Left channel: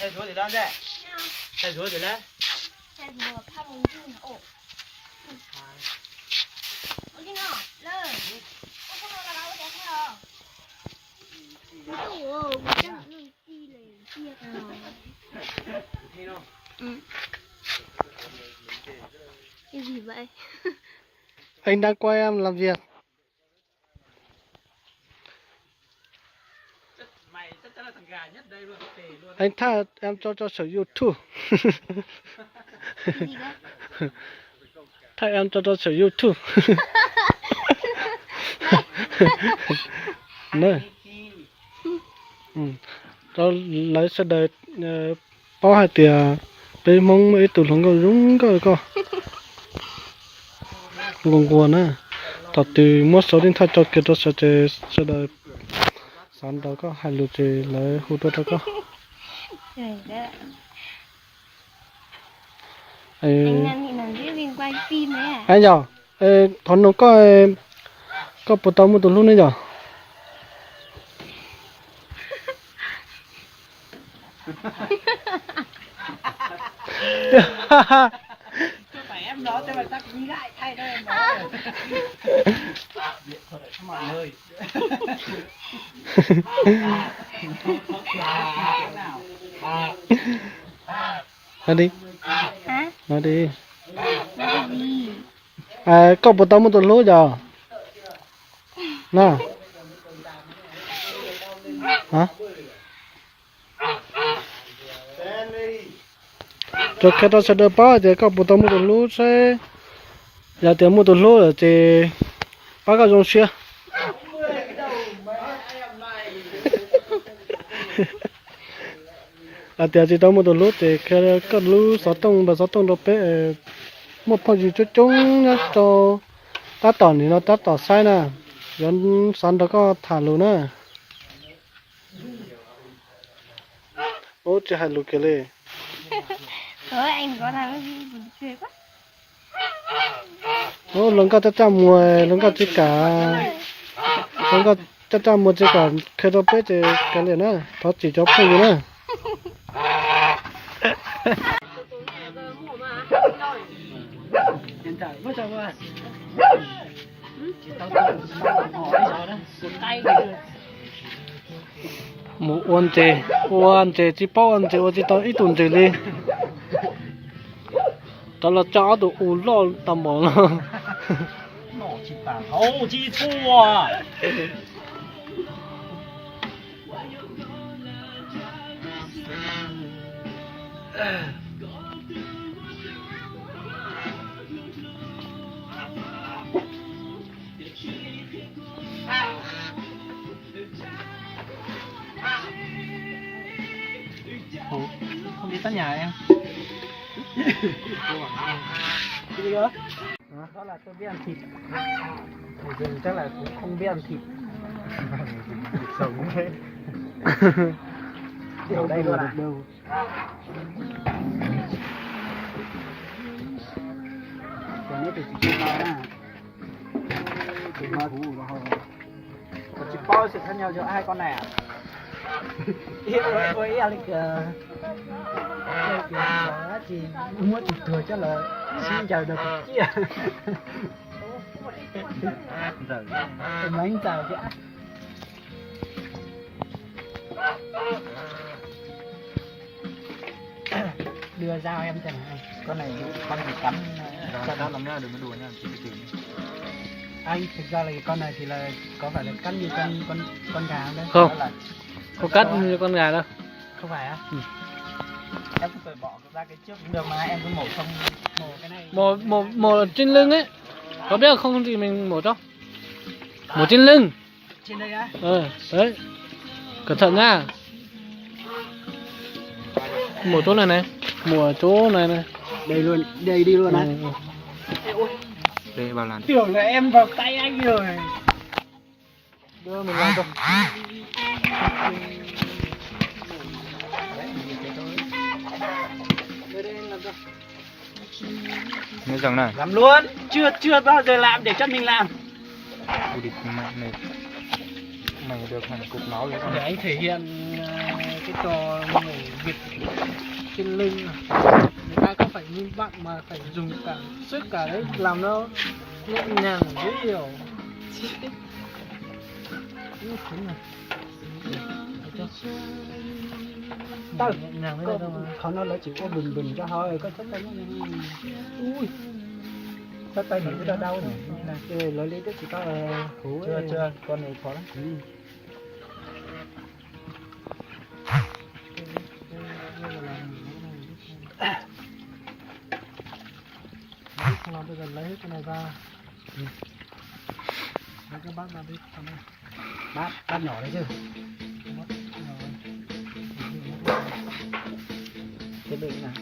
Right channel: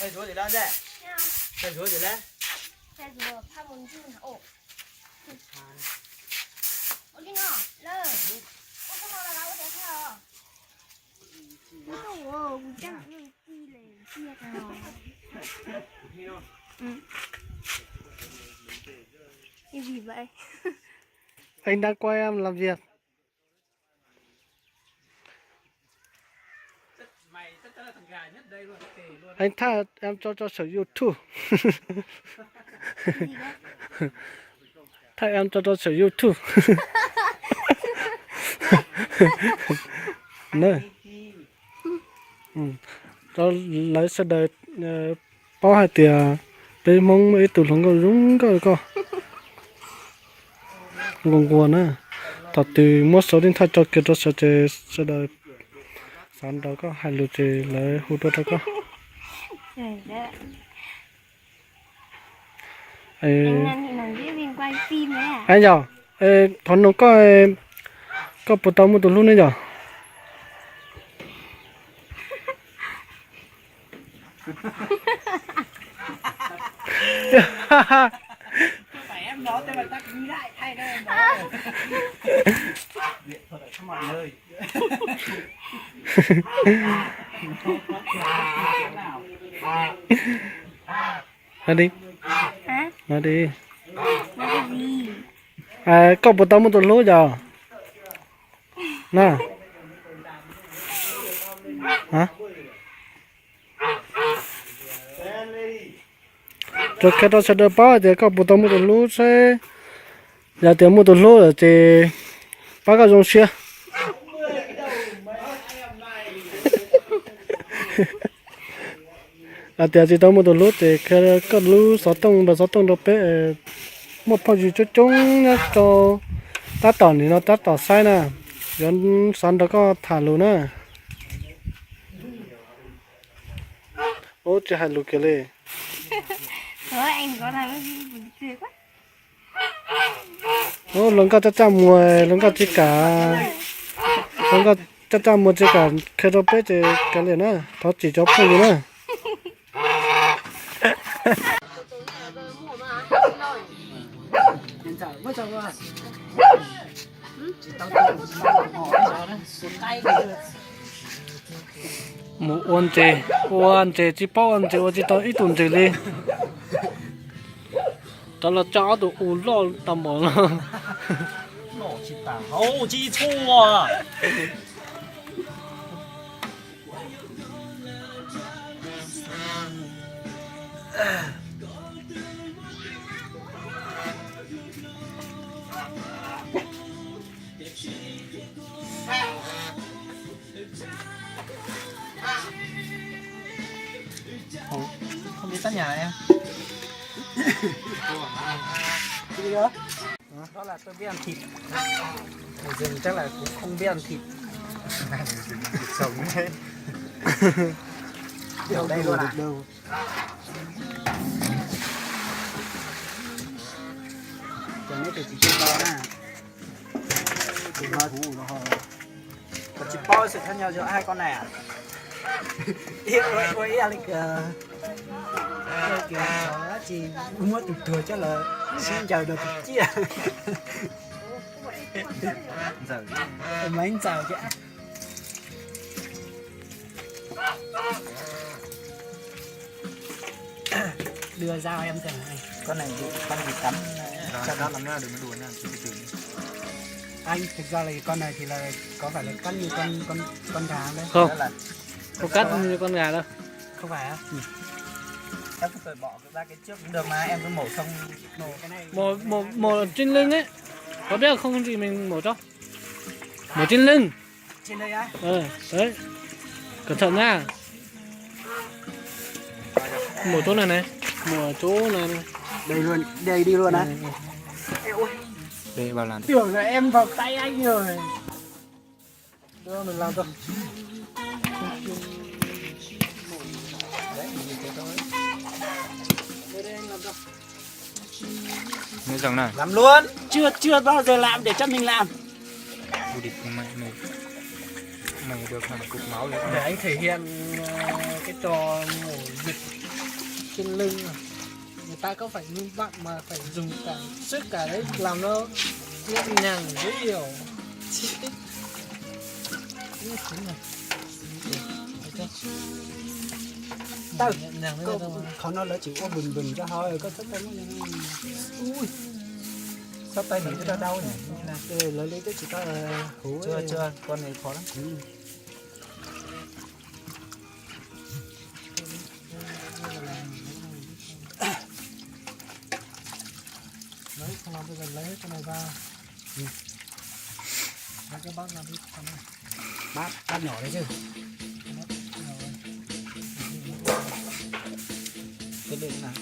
Thay rúa thì lên đây. Thay rúa thì lên. Thay rúa怕蒙住呢哦。我给你来，我看到了，我再看了。不是我这样用地嘞，地啊。Cái gì vậy? Anh đang quay em làm việc. Anh tha em cho sở YouTube. Cái gì đấy? Tha em cho sở YouTube. Này. Cho lấy xe đời bao hai tiền đây mong mấy tụi nó có rúng coi. Ngon quá nè. Thật từ một số điện thoại cho kia cho sẽ đời sáng đó có hai lượt thì lấy hút đó có. Anh đang định nói với mình quay phim đấy à? Anh giờ thằng nó có bộ tàu một tụi luôn đấy giờ. Phải em nói cho người ta ghi lại thay đây em nói. Điện thoại cho mọi người. Nói đi. Hả? Nói đi. Nói cái gì? Có bộ tàu một tụi luôn giờ. Nè. Hả? Cho cái đó sẽ được bao thì có bộ tàu một lúa sẽ giờ tiền một lúa thì bao cái giống xe tiền chỉ tàu một lúa thì cái lúa sáu tông đó bé một phần gì chúng nhá cho ta tỏ thì nó ta tỏ sai nè dân sắn đó có thả luôn nè ôi trời hai lúa kia lên. Thôi anh có thằng cái gì buồn cười quá. Ô, lần có cha mua, lần có chỉ cả, lần có cha mua chỉ cả cái đó bé thì cái này nè, nó chỉ cho phải gì nè. Hiện tại mới cho qua. Chỉ tao hỏi rồi đó, một tay rồi. Một uốn chè chỉ bao uốn chè, chỉ tao ít tuần chè đi. Đó là chó đồ uốn lo tầm bò lo. Nổ chỉ tả hậu chi chua à. Không biết tắt nhà em. Cái gì đó? Đó là tôi biết ăn thịt. Người rừng chắc là cũng không biết ăn thịt. Sống thế. Ở đây luôn à? Cái này thì chỉ bao nè. Chỉ bao chỉ bao sự khác nhau giữa hai con này à? Yêu ơi ơi kìa. Chị muốn thừa cho là xin chào được chị à. Giờ mấy anh chào chị. Đưa dao em xem này. Con này bị cắn cho nó làm ra đừng có đùa nha, chị từ Anh thực ra là cái con này thì là có phải là cắt như con gà không đấy? Không. Đó là Không cắt như con gà đâu. không phải á? Em cứ phải bỏ ra cái trước cũng được mà em cứ mổ xong mổ cái này. Mổ trên lưng ấy. Có biết không thì mình mổ cho. Mổ trên lưng. Trên đây á? Đấy. Cẩn thận nha. Mổ chỗ này này. Mổ ở chỗ này này. Đây luôn, đây đi luôn á. Đây bao lần. Tưởng là em vào tay anh rồi. Đưa mình làm cho. Nghe rằng này. Làm luôn, chưa bao giờ làm để chân mình làm. Ui địt mày được hẳn cục máu đấy. Để anh thể hiện cái trò mổ vịt trên lưng. Người ta có phải như bạn mà phải dùng cả sức cả đấy làm nó nhẹ nhàng dễ hiểu. Tao Nhẹ nhàng thế có, này thôi mà.เขาnó chỉ có bừng ra thôi, có sắp tay nó ui sắp tay mình cứ đau nhỉ. Lấy cái chỉ có hú chưa con này khó lắm. Đấy, xong rồi bây giờ lấy hết cái này ra. Lấy cái bát ra đi. Bát nhỏ đấy chứ. Cái đựng nào?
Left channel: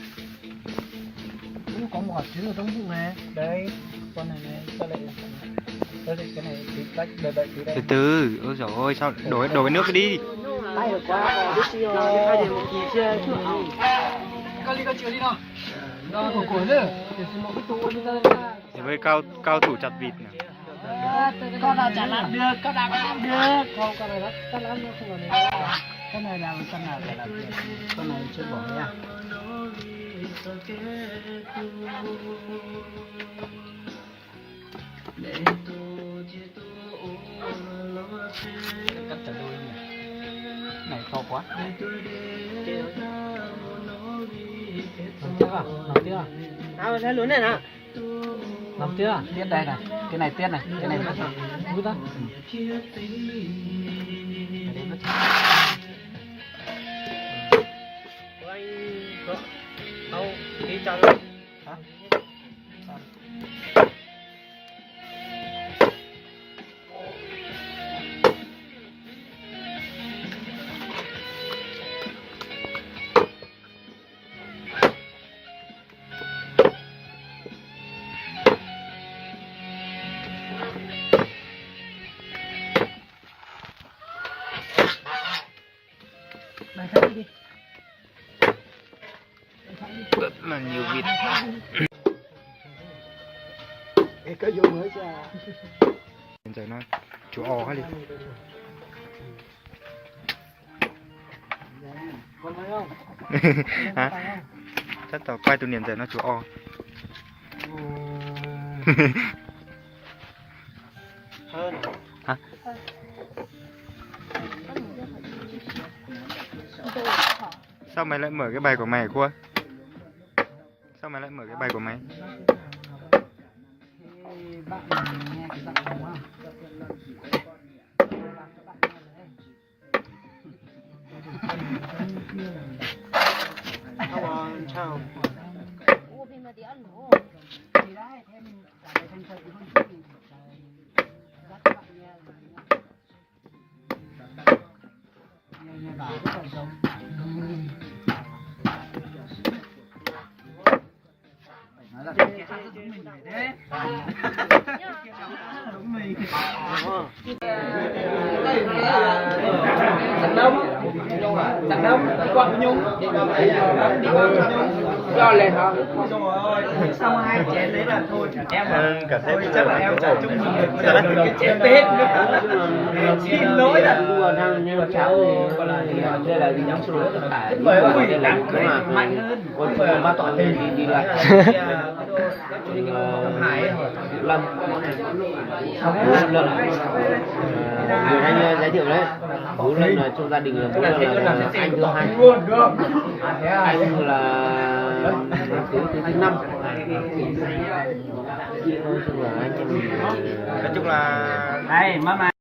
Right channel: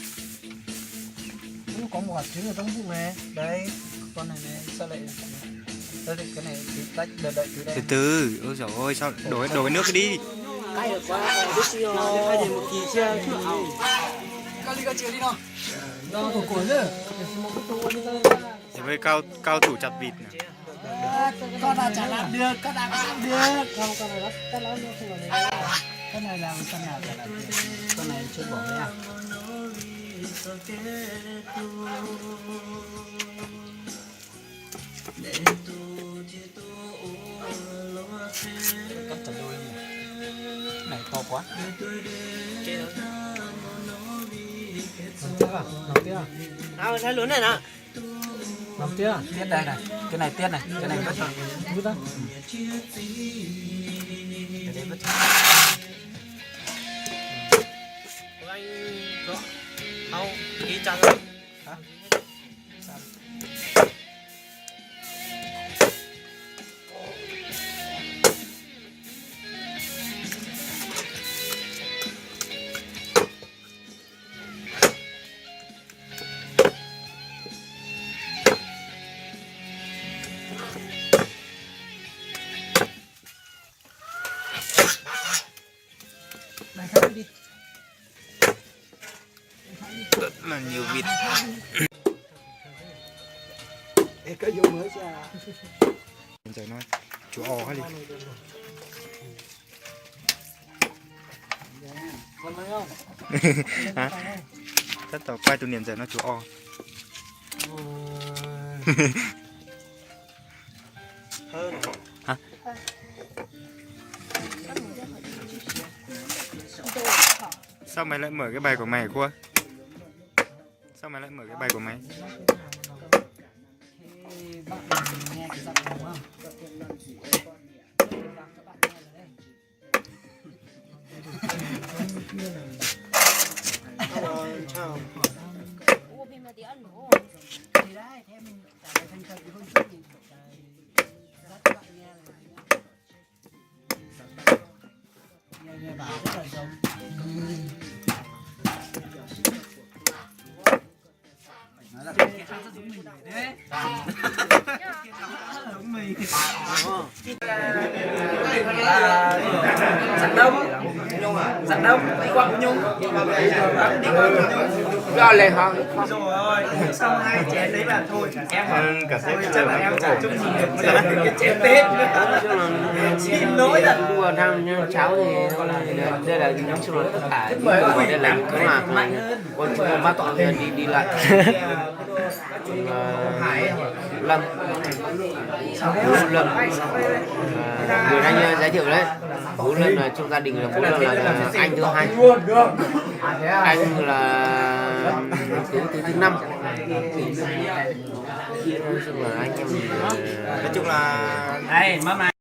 Cũng có một hạt trứng ở trong bụng này. Đây, con này này sao lại cái này thì tách đợi tí đây. Từ từ, ôi dồi ôi sao đổ cái nước đi. Tay được quá, biết chưa? Hai giờ một kỳ chưa? Con đi con chiều đi nào. Đâu của củi chứ. Để xem một cái tủ đi ra. Thì với cao thủ chặt vịt nè. Con nào chả làm được, con nào làm được. Không, con này cắt lắm nó không phải này. Con này làm con nào chả làm được. Con này chưa bỏ nha. Cắt chặt đôi nhỉ. Này to quá. Làm chưa? Nào thấy lớn này nè. Làm chưa? Tiết đây này, cái này tiết này, cái này vứt rồi. Vứt ra. Cái này vứt. Đâu, đi chặt rồi. Hả? Này hết đi. Rất là nhiều vịt. Cái vô mới chưa? Hiện giờ nó chú o hết đi. Con thấy không? Hả? Chắc tao quay từ niệm giờ nó chú o. Hơn. Hả? Sao mày lại mở cái bài của mày Cua? Sao mày lại mở cái bài của mày? Bạn nghe cái giọng đúng không? Chào. Thì đấy, thế mình trả lời thành thật hơn chút thì trả lời rất các bạn nghe. Nghe bảo rất là giống. Nói là cái kia ăn rất giống mình đấy. Giống mình. Giặt đông, quặng nhung. Cho lên họ. Rồi, xong hai chén đấy là thôi. Em cả thôi chắc là em trả chút cái chén Tết nữa. Xin lỗi là mua thằng cháu thì đây là những chung là tất cả những người đây là những cái mà con chúng bắt tụi đi lại Lâm người anh giới thiệu đấy, bố Lâm là trong gia đình là bố Lâm là anh thứ hai, anh là thứ năm. chia thôi, xong là anh em mình nói chung là Đây, mắm này.